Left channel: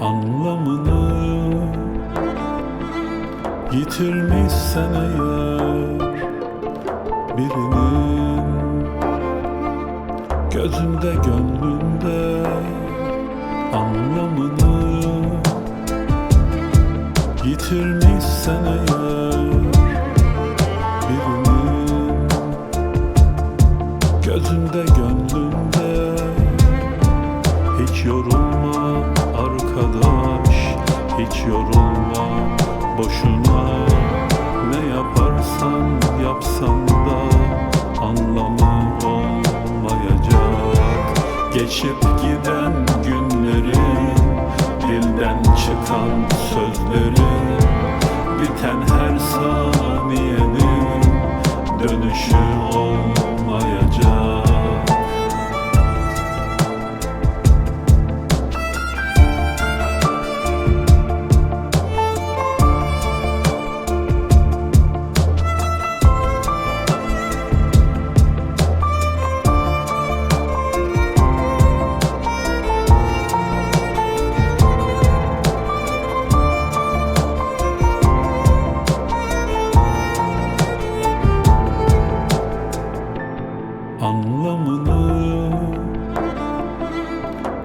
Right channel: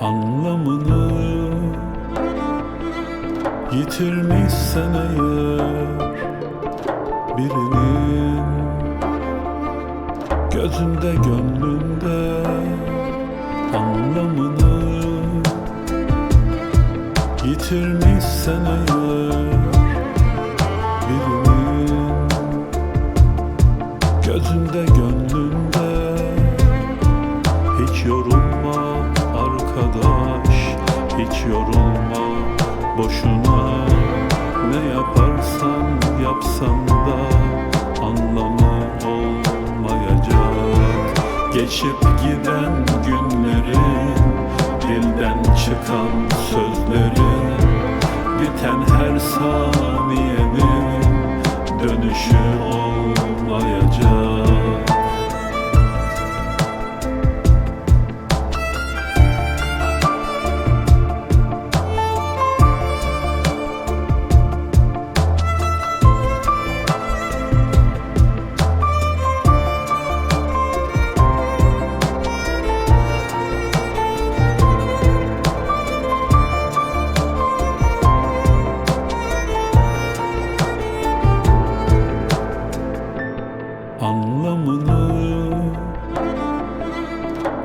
anlamını Yitirmişsen eğer birinin. Gözünde gönlünde anlamını Yitirmişsen eğer birinin. Gözünde gönlünde hiç yorulma arkadaş Hiç yorulma boşuna. Ne yaparsan yapsan da Anlamı olmayacak. Geçip giden günlerin Dilden çıkan sözlerin Biten her saniyenin Dönüşü olmayacak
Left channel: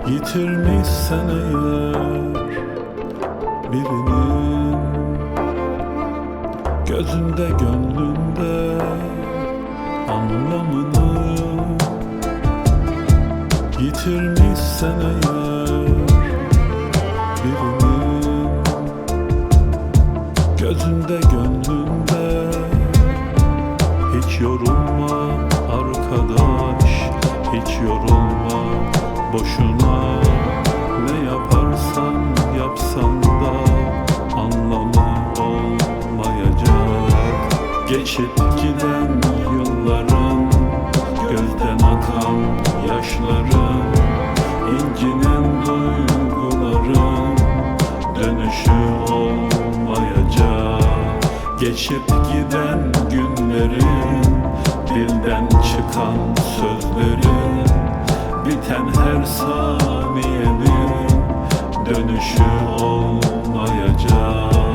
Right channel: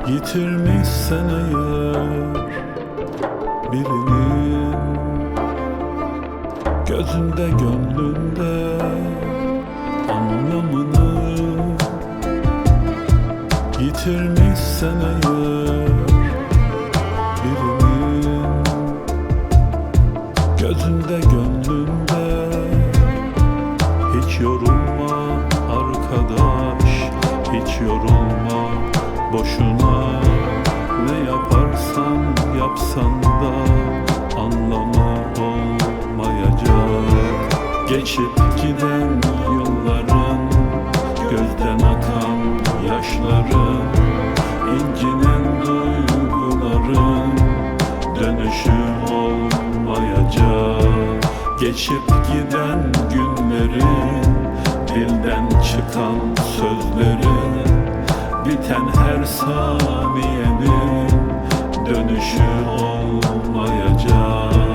yitirmişsen eğer birinin. Gözünde gönlünde anlamını. Yitirmişsen eğer birinin. Gözünde gönlünde hiç yorulma arkadaş Hiç yorulma boşuna. Ne yaparsan yapsan da Anlamı olmayacak. Geçip giden yılların Gözden akan yaşların incinen duyguların Dönüşü olmayacak. Geçip giden günlerin Dilden çıkan sözlerin Biten her saniyenin Dönüşü olmayacak